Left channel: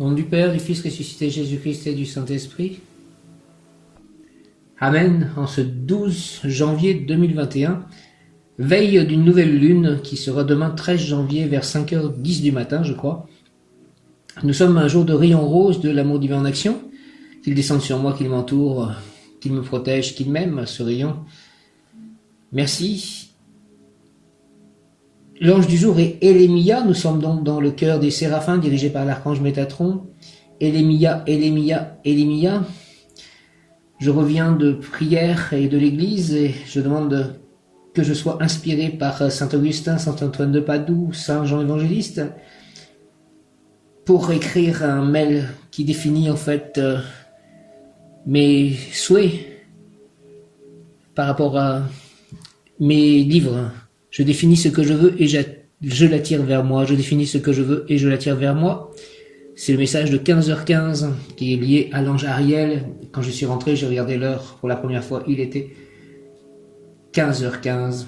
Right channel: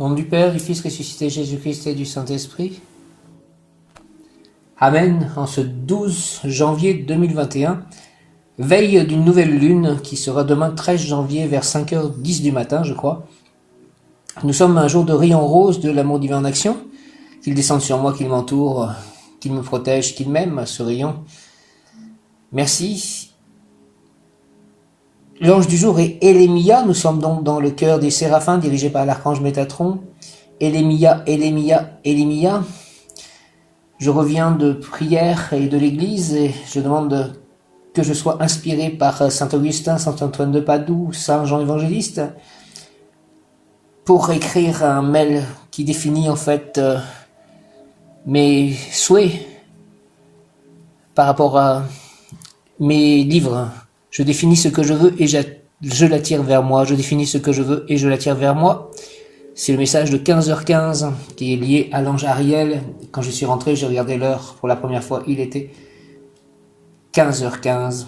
Au nom du Père, du Fils ressuscité, Jésus-Christ et du Saint-Esprit. Amen. En ce 12 janvier 2021, veille d'une nouvelle lune qui sera demain 13 janvier vers 5h10 du matin, je crois. Nous sommes un jour de rayon rose de l'amour divin en action. Qu'il descende sur moi, qu'il m'entoure, qu'il me protège, qu'il m'aime, ce rayon. Merci. L'ange du jour est Élémia. Nous sommes donc dans le cœur des séraphins dirigé par l'archange Métatron. Élémia, Élémia, Élémia. Je reviens de prière et de l'église et je demande que je sois inspiré par Saint Augustin, Saint Antoine de Padoue, Saint Jean Évangéliste pour écrire un mail qui définit en fait mes souhaits par rapport à mes livres. Je définis ce que je veux et je l'attire vers moi. Je définis ce que je veux et je l'attire vers moi. C'est le message de 15h15 qui est lié à l'ange Ariel. Quand je suis rentré, j'ai regardé l'heure pour la première fois. Il était 15h15.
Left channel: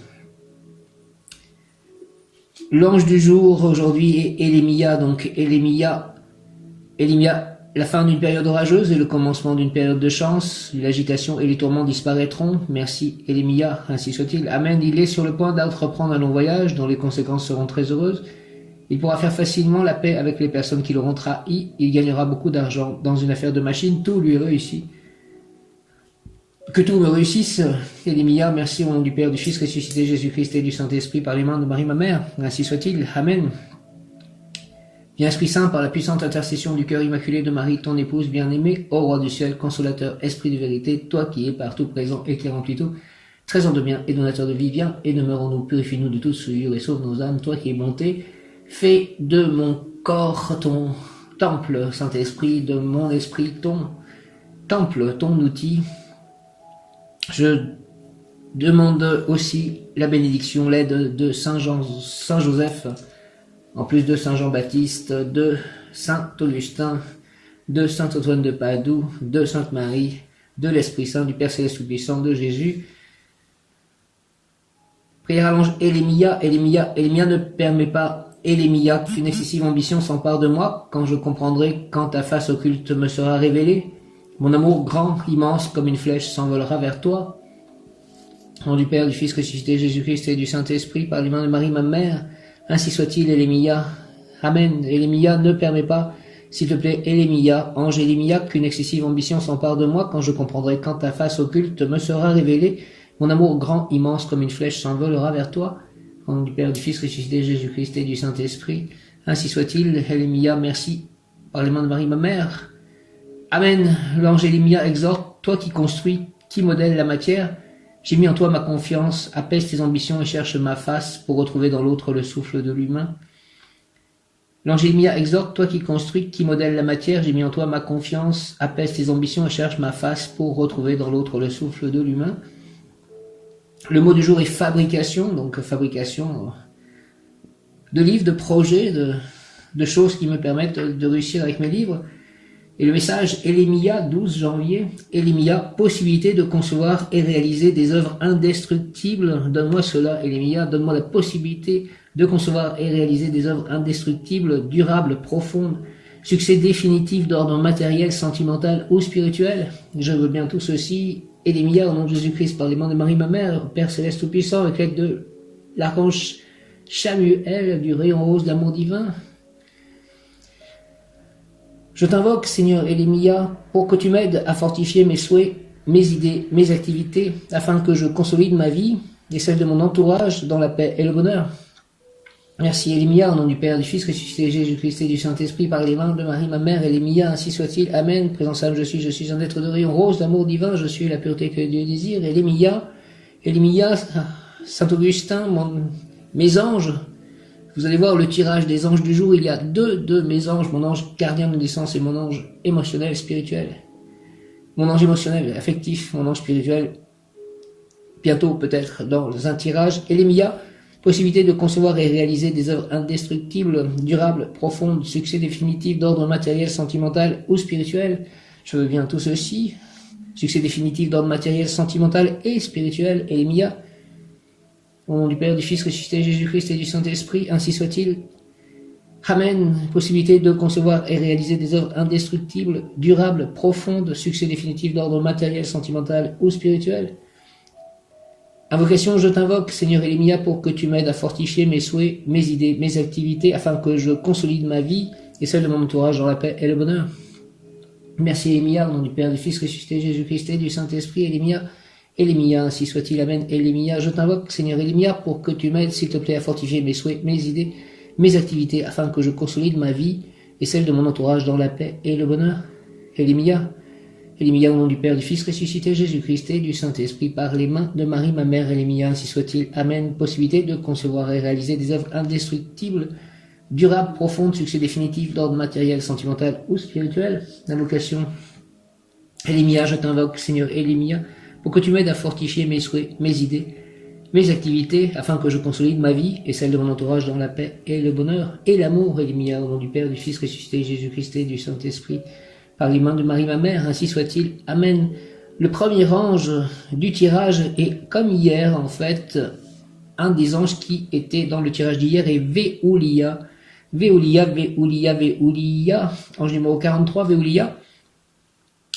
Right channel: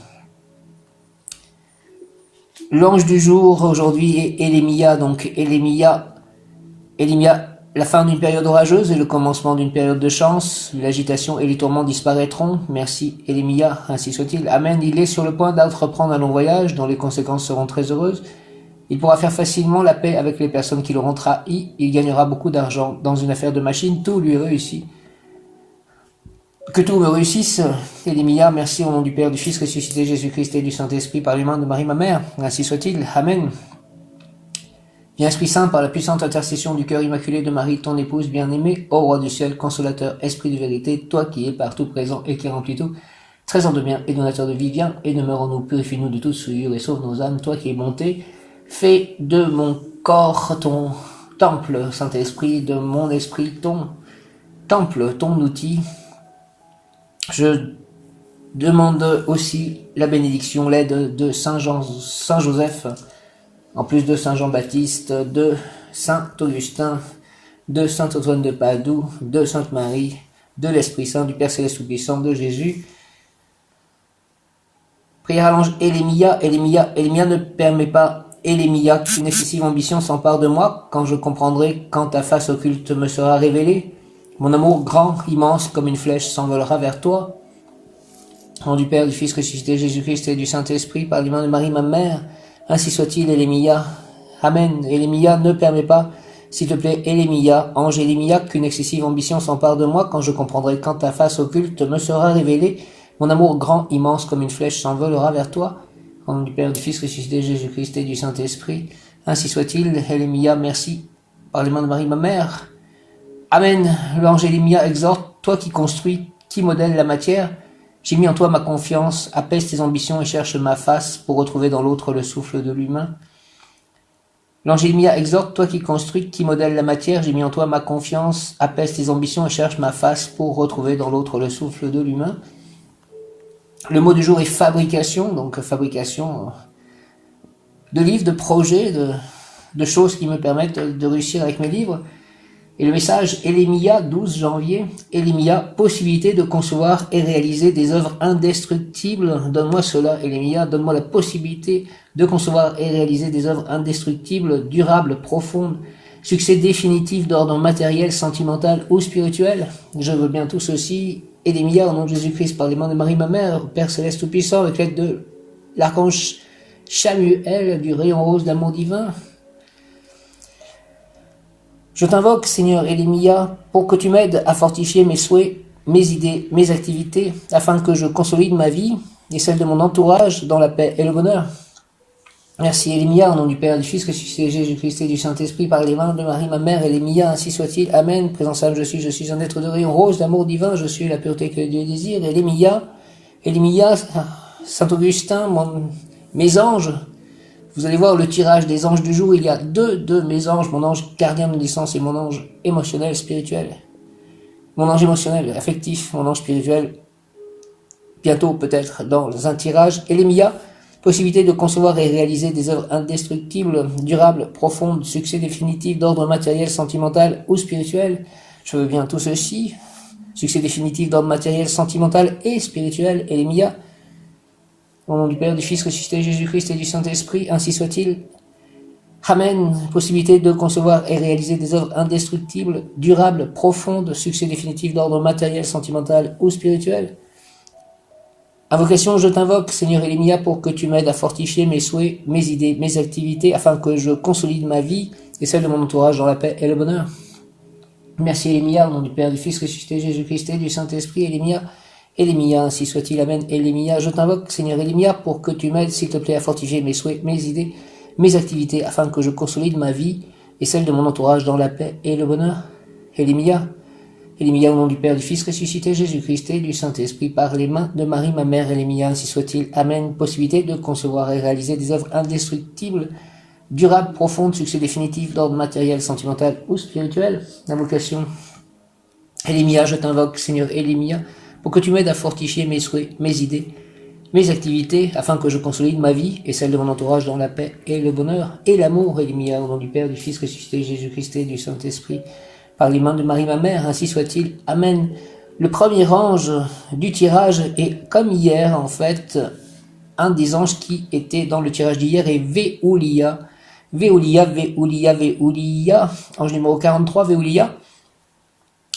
L'ange du jour aujourd'hui est Élémia. Donc Élémia, la fin d'une période orageuse et le commencement d'une période de chance. L'agitation et les tourments disparaîtront. Merci Élémia, ainsi soit-il. Amen. Il est sur le point d'entreprendre un long voyage dont les conséquences seront très heureuses. Il pourra faire facilement la paix avec les personnes qui l'auront trahi. Il gagnera beaucoup d'argent dans une affaire de machine. Tout lui réussit. Que tout me réussisse. Élémia, merci au nom du Père, du Fils ressuscité, Jésus-Christ et du Saint-Esprit par les mains de Marie ma mère. Ainsi soit-il. Amen. Viens Esprit Saint, par la puissante intercession du cœur immaculé de Marie, ton épouse bien-aimée, ô Roi du ciel, consolateur, Esprit de vérité, toi qui es partout présent et qui remplis tout, trésor de bien et donateur de vie, viens et demeure-nous, purifie-nous de toute souillure et sauve nos âmes, toi qui es bonté, fais de mon corps ton temple, Saint-Esprit, de mon esprit ton temple, ton outil. Je demande aussi la bénédiction, l'aide de Saint Joseph, en plus de Saint Jean-Baptiste, de Saint Augustin, de Saint Antoine de Padoue, de Sainte Marie, de l'Esprit Saint, du Père Céleste Tout-Puissant, de Jésus. Prière à l'ange Élémia, Élémia ne permet pas, Élémia, qu'une excessive ambition s'empare de moi, quand je comprendrai, quand ta face occulte me sera révélée. Mon amour grand, immense, comme une flèche, s'envolera vers toi. Au nom du Père, du Fils ressuscité, Jésus-Christ et du Saint-Esprit, par les mains de Marie, ma mère, ainsi soit-il, Élémia. Amen. Élémia, ne permet pas, s'il te plaît, Élémia, ange Élémia, qu'une excessive ambition s'empare de moi, quand je comprendrai, quand ta face occulte me sera révélée. Mon amour grand, immense, comme une flèche, s'envolera vers toi. Au nom du Père, du Fils ressuscité, Jésus-Christ et du Saint-Esprit, ainsi soit-il, Élémia, merci, par les mains de Marie, ma mère. Amen. L'ange Élémia exhorte, toi qui construis, qui modèle la matière, j'ai mis en toi ma confiance, apaise tes ambitions et cherche ma face pour retrouver dans l'autre le souffle de l'humain. L'ange Élémia exhorte, toi qui construis, qui modèle la matière, j'ai mis en toi ma confiance, apaise tes ambitions et cherche ma face pour retrouver dans l'autre le souffle de l'humain. Le mot du jour est fabrication, donc fabrication de livres, de projets, de choses qui me permettent de réussir avec mes livres. Et le message Élémia, 12 janvier, Élémia, possibilité de concevoir et réaliser des œuvres indestructibles. Donne-moi cela, Élémia, donne-moi la possibilité de concevoir et réaliser des œuvres indestructibles, durables, profondes, succès définitif d'ordre matériel, sentimental ou spirituel. Je veux bien tout ceci. Élémia, au nom de Jésus-Christ, par les mains de Marie, ma mère, Père Céleste Tout-Puissant, avec l'aide de l'archange Chamuel, du rayon rose d'amour divin. Je t'invoque, Seigneur Élémia, pour que tu m'aides à fortifier mes souhaits, mes idées, mes activités, afin que je consolide ma vie et celle de mon entourage dans la paix et le bonheur. Merci Élémia, au nom du Père, du Fils ressuscité, Jésus-Christ et du Saint-Esprit, par les mains de Marie, ma mère, Élémia, ainsi soit-il. Amen. Présent Saint, je suis un être de rayon rose d'amour divin, je suis la pureté que Dieu désire. Élémia, Saint Augustin, mes anges. Vous allez voir le tirage des anges du jour, il y a deux de mes anges, mon ange gardien de naissance et mon ange émotionnel, spirituel. Mon ange émotionnel, affectif, mon ange spirituel, bientôt peut-être dans un tirage. Élémia, possibilité de concevoir et réaliser des œuvres indestructibles, durables, profondes, succès définitif d'ordre matériel, sentimental ou spirituel. Je veux bien tout ceci. Succès définitif d'ordre matériel, sentimental et spirituel. Élémia, au nom du Père, du Fils ressuscité, Jésus-Christ et du Saint-Esprit, ainsi soit-il. Amen. Possibilité de concevoir et réaliser des œuvres indestructibles, durables, profondes, succès définitif d'ordre matériel, sentimental ou spirituel. Invocation, je t'invoque, Seigneur Elémia, pour que tu m'aides à fortifier mes souhaits, mes idées, mes activités, afin que je consolide ma vie et celle de mon entourage dans la paix et le bonheur. Merci Elémia, au nom du Père, du Fils ressuscité, Jésus-Christ et du Saint-Esprit, Elémia, ainsi soit-il, Amen. Elémia, je t'invoque, Seigneur Elémia, pour que tu m'aides, s'il te plaît, à fortifier mes souhaits, mes idées, mes activités, afin que je consolide ma vie et celle de mon entourage dans la paix et le bonheur. Elémia, au nom du Père, du Fils ressuscité, Jésus-Christ et du Saint-Esprit, par les mains de Marie, ma mère, Elémia, ainsi soit-il, Amen. Possibilité de concevoir et réaliser des œuvres indestructibles, durables, profondes, succès définitif d'ordre matériel, sentimental ou spirituel. Invocation. Elémia, je t'invoque, Seigneur Elémia, pour que tu m'aides à fortifier mes souhaits, mes idées, mes activités, afin que je consolide ma vie et celle de mon entourage dans la paix et le bonheur et l'amour. Elémia, au nom du Père, du Fils ressuscité, Jésus-Christ et du Saint-Esprit, par les mains de Marie, ma mère, ainsi soit-il. Amen. Le premier ange du tirage est, comme hier, en fait, un des anges qui était dans le tirage d'hier est Véoulia. Véoulia, Véoulia, Véoulia. Ange numéro 43, Véoulia.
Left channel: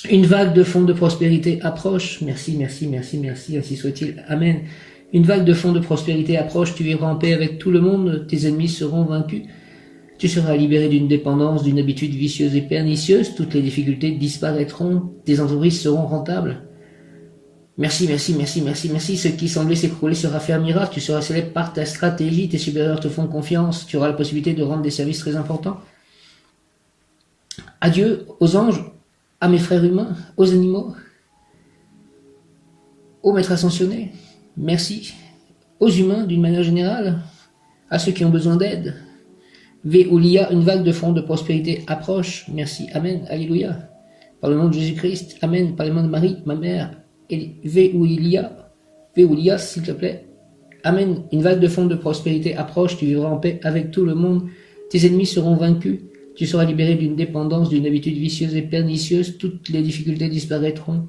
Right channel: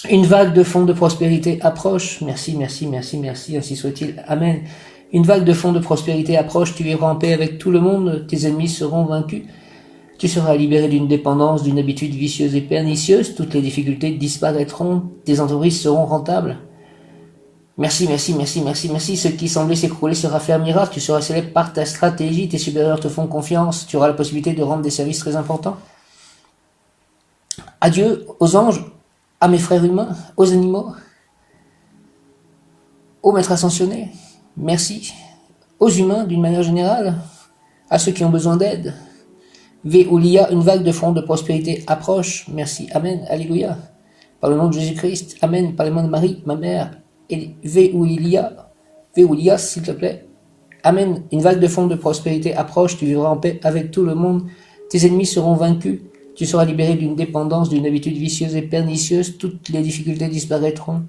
Une vague de fonds de prospérité approche. Merci, merci, merci, merci, ainsi soit-il. Amen. Une vague de fonds de prospérité approche, tu vivras en paix avec tout le monde, tes ennemis seront vaincus. Tu seras libéré d'une dépendance, d'une habitude vicieuse et pernicieuse, toutes les difficultés disparaîtront, tes entreprises seront rentables. Merci, merci, merci, merci, merci. Ce qui semblait s'écrouler se raffermira, tu seras célèbre par ta stratégie, tes supérieurs te font confiance, tu auras la possibilité de rendre des services très importants. Adieu aux anges, à mes frères humains, aux animaux, aux maîtres ascensionnés. Merci aux humains d'une manière générale, à ceux qui ont besoin d'aide. Véoulia, une vague de fonds de prospérité approche. Merci, Amen, Alléluia. Par le nom de Jésus-Christ, Amen, par les mains de Marie, ma mère, et Véoulia, s'il te plaît. Amen, une vague de fonds de prospérité approche, tu vivras en paix avec tout le monde, tes ennemis seront vaincus, tu seras libéré d'une dépendance, d'une habitude vicieuse et pernicieuse, toutes les difficultés disparaîtront,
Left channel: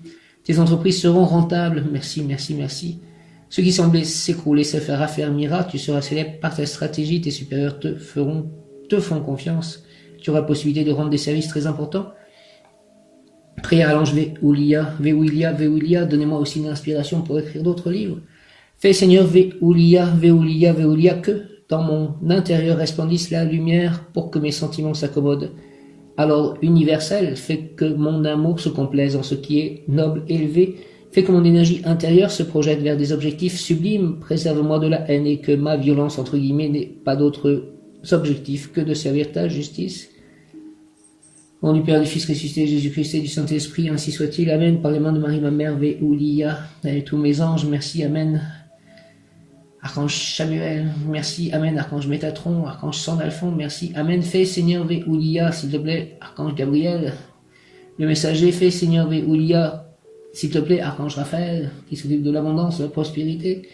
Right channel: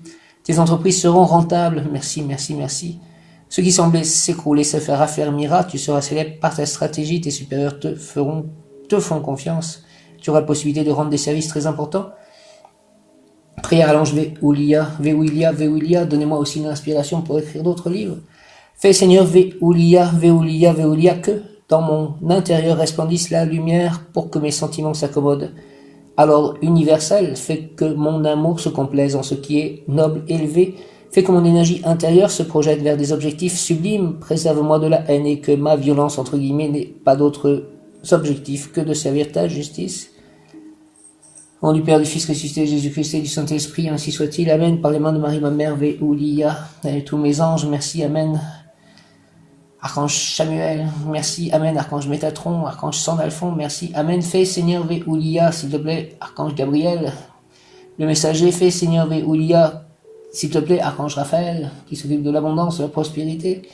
tes entreprises seront rentables. Merci, merci, merci. Ce qui semblait s'écrouler se raffermira, tu seras célèbre par ta stratégie, tes supérieurs te font confiance, tu auras la possibilité de rendre des services très importants. Prière à l'ange Véoulia, Véoulia, Véoulia, donnez-moi aussi une inspiration pour écrire d'autres livres. Fais Seigneur Véoulia, Véoulia, Véoulia, que dans mon intérieur resplendisse la lumière pour que mes sentiments s'accommodent à l'ordre universel. Fais que mon amour se complaise en ce qui est noble, élevé. Fais que mon énergie intérieure se projette vers des objectifs sublimes. Préserve-moi de la haine et que ma violence, entre guillemets, n'ait pas d'autre objectif que de servir ta justice. Au nom du Père, du Fils ressuscité, Jésus-Christ et du Saint-Esprit, ainsi soit-il. Amen. Par les mains de Marie, ma mère, Véoulia, et tous mes anges, merci. Amen. Archange Samuel, merci. Amen. Archange Métatron, Archange Sandalphon, merci. Amen. Fais Seigneur Véoulia, s'il te plaît. Archange Gabriel, le messager, fais Seigneur Véoulia, s'il te plaît. Archange Raphaël, qui s'occupe de l'abondance, de la prospérité.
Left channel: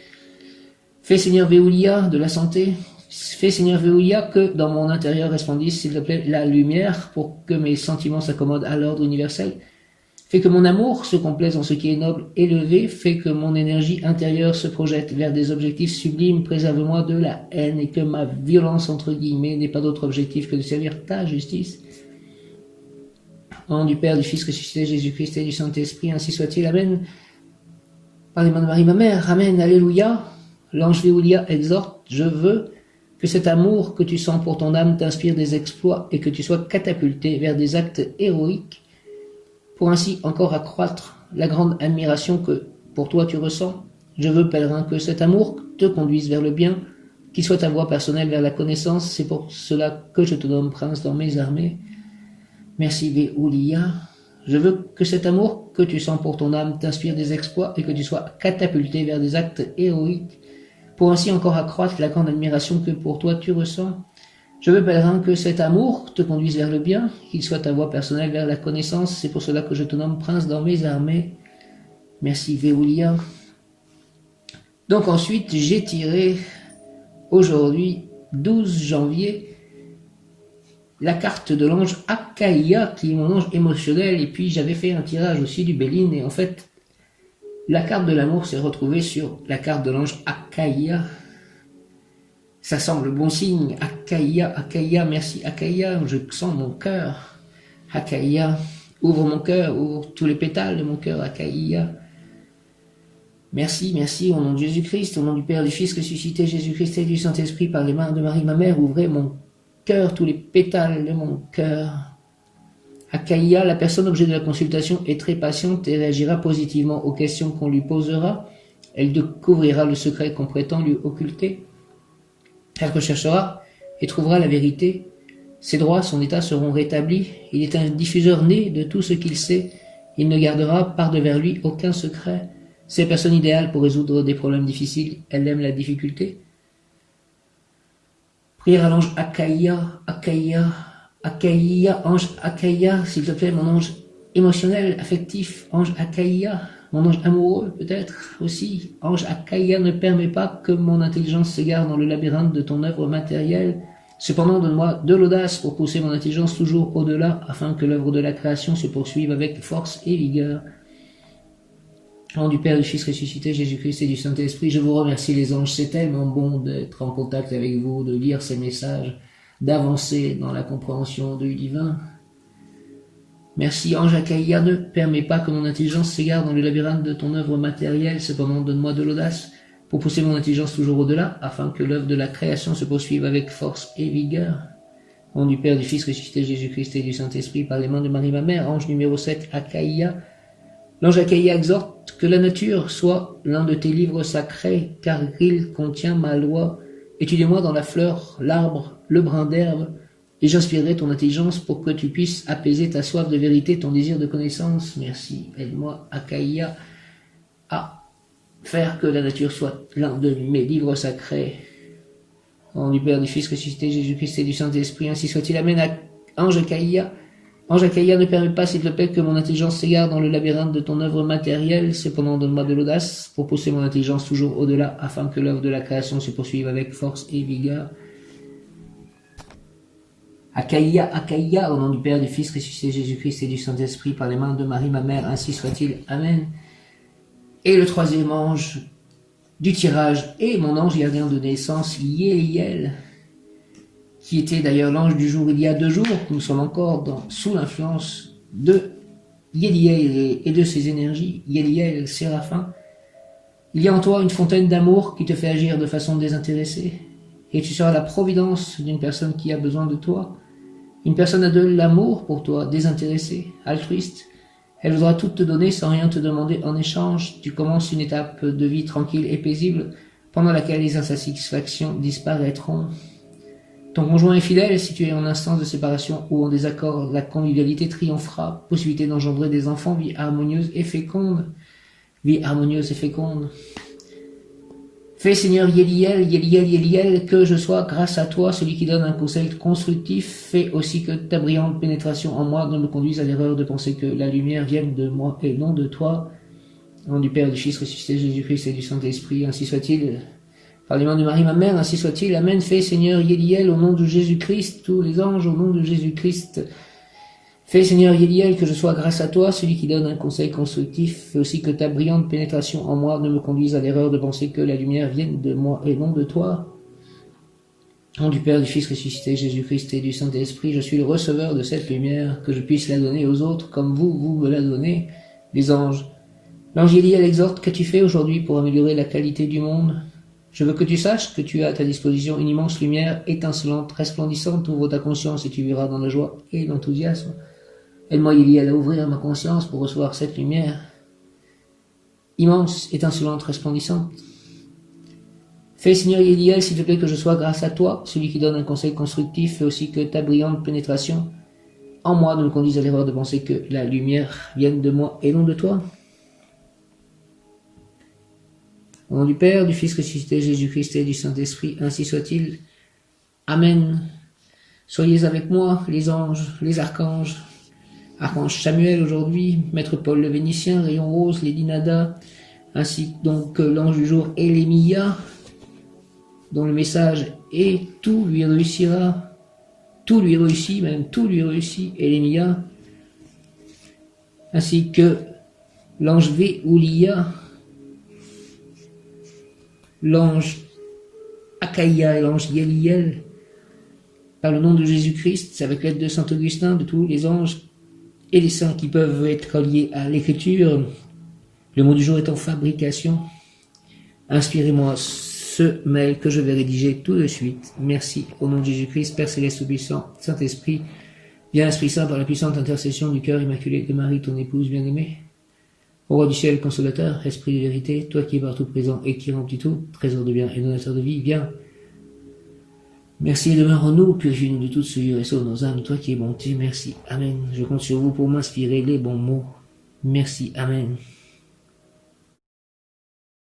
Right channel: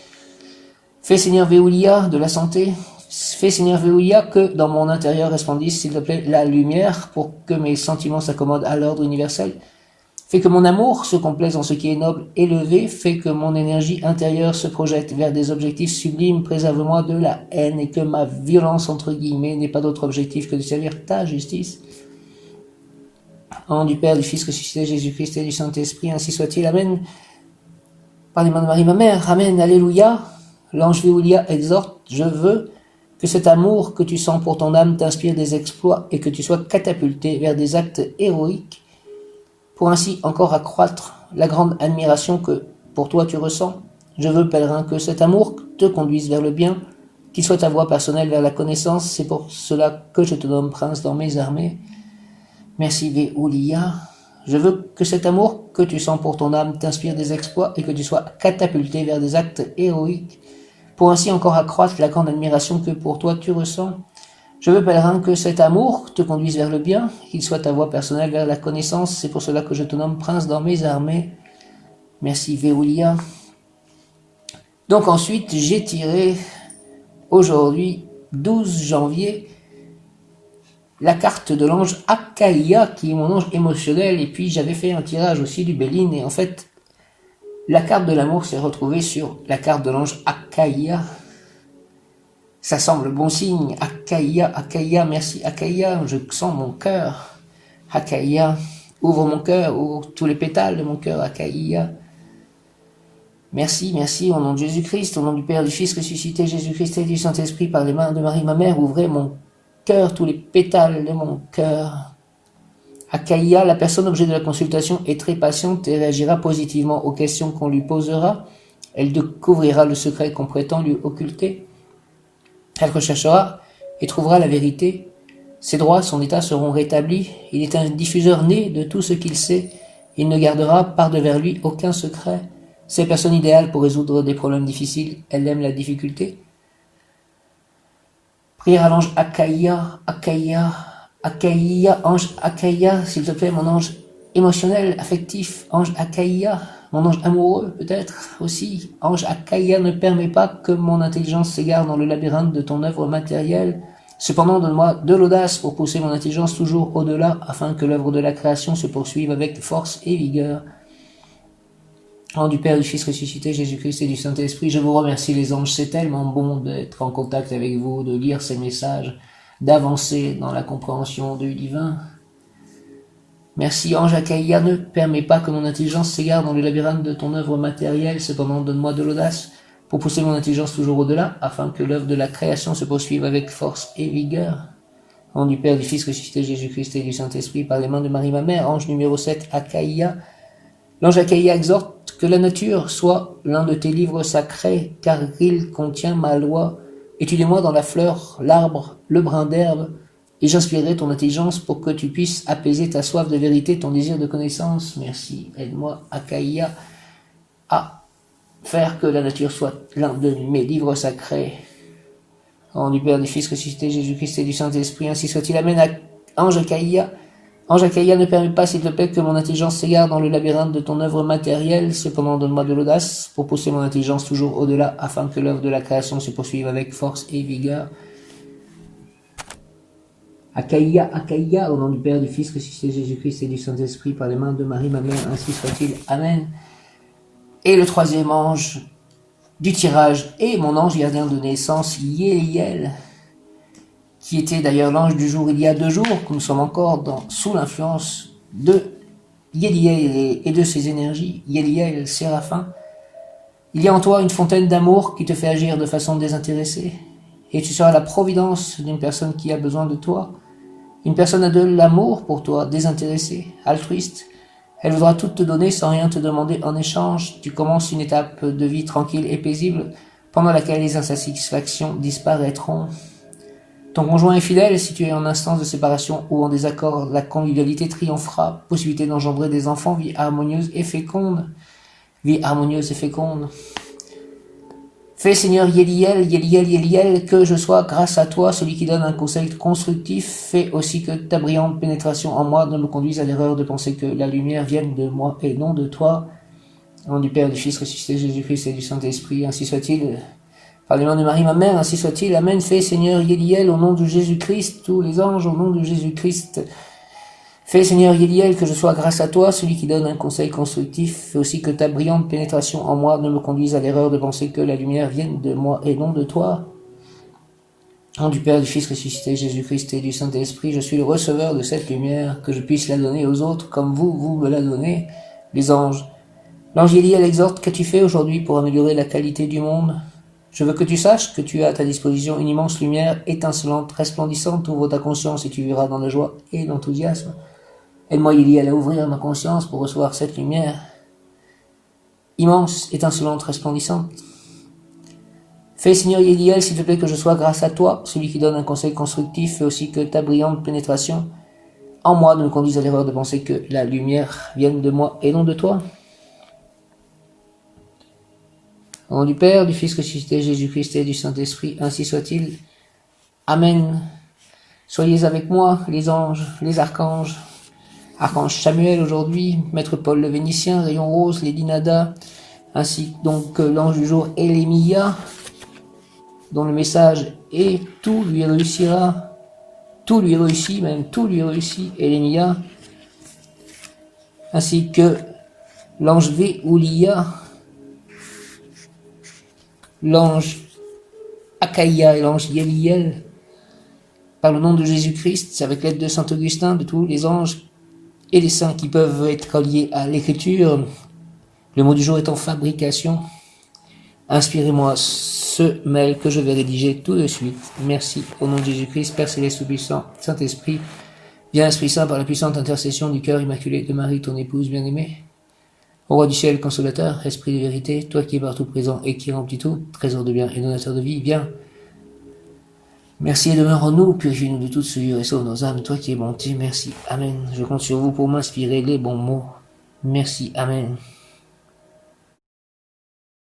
Fais Seigneur Véoulia, de la santé. Fais Seigneur Véoulia, que dans mon intérieur resplendisse, s'il te plaît, la lumière pour que mes sentiments s'accommodent à l'ordre universel. Fais que mon amour se complaise en ce qui est noble, élevé. Fais que mon énergie intérieure se projette vers des objectifs sublimes. Préserve-moi de la haine et que ma violence, entre guillemets, n'ait pas d'autre objectif que de servir ta justice. Au nom du Père, du Fils ressuscité, Jésus-Christ et du Saint-Esprit, ainsi soit-il. Amen. Par les mains de Marie, ma mère. Amen. Alléluia. L'ange Véoulia exhorte, je veux que cet amour que tu sens pour ton âme t'inspire des exploits et que tu sois catapulté vers des actes héroïques pour ainsi encore accroître la grande admiration que pour toi tu ressens. Je veux, pèlerin, que cet amour te conduise vers le bien, qu'il soit ta voie personnelle vers la connaissance. C'est pour cela que je te nomme prince dans mes armées. Merci Véoulia. Je veux que cet amour que tu sens pour ton âme t'inspire des exploits et que tu sois catapulté vers des actes héroïques pour ainsi encore accroître la grande admiration que pour toi tu ressens. Je veux, pèlerin, que cet amour te conduise vers le bien, qu'il soit ta voie personnelle vers la connaissance. C'est pour cela que je te nomme prince dans mes armées. Merci Véoulia. Donc ensuite, j'ai tiré aujourd'hui, 12 janvier, la carte de l'ange Akaïa, qui est mon ange émotionnel, et puis j'avais fait un tirage aussi du Béline, et en fait, la carte de l'amour s'est retrouvée sur la carte de l'ange Akaïa. Ça semble bon signe. Akaïa, Akaïa, merci Akaïa, je sens mon cœur. Akaïa, ouvre mon cœur, ouvre tous les pétales de mon cœur, Akaïa. Merci, merci, au nom de Jésus-Christ, au nom du Père, du Fils ressuscité, Jésus-Christ et du Saint-Esprit, par les mains de Marie, ma mère, ouvrez mon cœur, tous les pétales de mon cœur. Akaïa, la personne objet de la consultation est très patiente et réagira positivement aux questions qu'on lui posera. Elle découvrira le secret qu'on prétend lui occulter. Elle recherchera et trouvera la vérité. Ses droits, son état seront rétablis. Il est un diffuseur né de tout ce qu'il sait. Il ne gardera par-devers lui aucun secret. C'est la personne idéale pour résoudre des problèmes difficiles. Elle aime la difficulté. Prière à l'ange Akaïa, Akaïa, Akaïa, ange Akaïa, s'il te plaît, mon ange émotionnel, affectif, ange Akaïa, mon ange amoureux peut-être aussi. Ange Akaïa, ne permet pas que mon intelligence s'égare dans le labyrinthe de ton œuvre matérielle. Cependant, donne-moi de l'audace pour pousser mon intelligence toujours au-delà, afin que l'œuvre de la création se poursuive avec force et vigueur. Au nom du Père, du Fils ressuscité, Jésus-Christ et du Saint-Esprit, je vous remercie les anges, c'est tellement bon d'être en contact avec vous, de lire ces messages, d'avancer dans la compréhension du divin. Merci ange Akaïa, ne permets pas que mon intelligence s'égare dans le labyrinthe de ton œuvre matérielle, cependant donne-moi de l'audace pour pousser mon intelligence toujours au-delà, afin que l'œuvre de la création se poursuive avec force et vigueur. Au nom du Père, du Fils ressuscité, Jésus-Christ et du Saint-Esprit, par les mains de Marie ma mère, ange numéro 7, Akaïa. L'ange Akaïa exhorte que la nature soit l'un de tes livres sacrés, car il contient ma loi. Étudie-moi dans la fleur, l'arbre, le brin d'herbe, et j'inspirerai ton intelligence pour que tu puisses apaiser ta soif de vérité, ton désir de connaissance. Merci, aide-moi, Akaïa, à faire que la nature soit l'un de mes livres sacrés. Au nom du Père, du Fils ressuscité, Jésus-Christ et du Saint-Esprit, ainsi soit-il. Amen. Ange Akaïa, ange Akaïa, ne permet pas, s'il te plaît, que mon intelligence s'égare dans le labyrinthe de ton œuvre matérielle. Cependant, donne-moi de l'audace pour pousser mon intelligence toujours au-delà, afin que l'œuvre de la création se poursuive avec force et vigueur. Akaïa, Akaïa, au nom du Père, du Fils ressuscité, Jésus-Christ et du Saint-Esprit, par les mains de Marie, ma mère, ainsi soit-il. Amen. Et le troisième ange du tirage est mon ange gardien de naissance, Yéliel, qui était d'ailleurs l'ange du jour il y a 2 jours, que nous sommes encore sous l'influence de Yéliel et de ses énergies. Yéliel, Séraphin. Il y a en toi une fontaine d'amour qui te fait agir de façon désintéressée, et tu seras la providence d'une personne qui a besoin de toi. Une personne a de l'amour pour toi, désintéressée, altruiste. Elle voudra tout te donner sans rien te demander en échange. Tu commences une étape de vie tranquille et paisible, pendant laquelle les insatisfactions disparaîtront. Ton conjoint est fidèle, si tu es en instance de séparation ou en désaccord, la convivialité triomphera, possibilité d'engendrer des enfants, vie harmonieuse et féconde. Vie harmonieuse et féconde. Fais Seigneur Yéliel, Yéliel, Yéliel, que je sois grâce à toi, celui qui donne un conseil constructif. Fais aussi que ta brillante pénétration en moi ne me conduise à l'erreur de penser que la lumière vienne de moi et non de toi. Au nom du Père, du Fils ressuscité, Jésus-Christ et du Saint-Esprit, ainsi soit-il. Par les mains de Marie, ma mère, ainsi soit-il. Amen. Fais Seigneur Yéliel, au nom de Jésus-Christ, tous les anges, au nom de Jésus-Christ. Fais Seigneur Yéliel, que je sois grâce à toi, celui qui donne un conseil constructif. Fais aussi que ta brillante pénétration en moi ne me conduise à l'erreur de penser que la lumière vienne de moi et non de toi. Au nom du Père, du Fils ressuscité, Jésus-Christ et du Saint-Esprit, je suis le receveur de cette lumière, que je puisse la donner aux autres comme vous me la donnez, les anges. L'ange Yéliel exhorte, qu'as-tu fait aujourd'hui pour améliorer la qualité du monde? Je veux que tu saches que tu as à ta disposition une immense lumière étincelante, resplendissante. Ouvre ta conscience et tu verras dans la joie et l'enthousiasme. Aide-moi, Yéliel, à ouvrir ma conscience pour recevoir cette lumière immense, étincelante, resplendissante. Fais, Seigneur Yéliel, s'il te plaît, que je sois grâce à toi, celui qui donne un conseil constructif. Fais aussi que ta brillante pénétration en moi ne me conduise à l'erreur de penser que la lumière vienne de moi et non de toi. Au nom du Père, du Fils ressuscité, Jésus-Christ et du Saint-Esprit, ainsi soit-il. Amen. Soyez avec moi, les anges, les archanges. Archange Samuel aujourd'hui, Maître Paul le Vénitien, Rayon Rose, Lady Nada, ainsi donc l'ange du jour Elémia, dont le message est « Tout lui réussira ». Tout lui réussit, même tout lui réussit, Elémia, ainsi que l'ange Véoulia, l'ange Achaïa et l'ange Yeliel. Par le nom de Jésus-Christ, avec l'aide de Saint Augustin, de tous les anges et les saints qui peuvent être liés à l'écriture. Le mot du jour est en fabrication. Inspirez-moi ce mail que je vais rédiger tout de suite. Merci. Au nom de Jésus-Christ, Père Céleste Tout-Puissant, Saint-Esprit, viens Esprit Saint par la puissante intercession du cœur immaculé de Marie, ton épouse bien-aimée. Ô Roi du ciel, consolateur, Esprit de vérité, toi qui es partout présent et qui remplis tout, trésor de bien et donateur de vie, viens. Merci et demeure en nous, purifiez-nous de toute souillure et sauve nos âmes, toi qui es bonté, merci. Amen. Je compte sur vous pour m'inspirer les bons mots. Merci. Amen.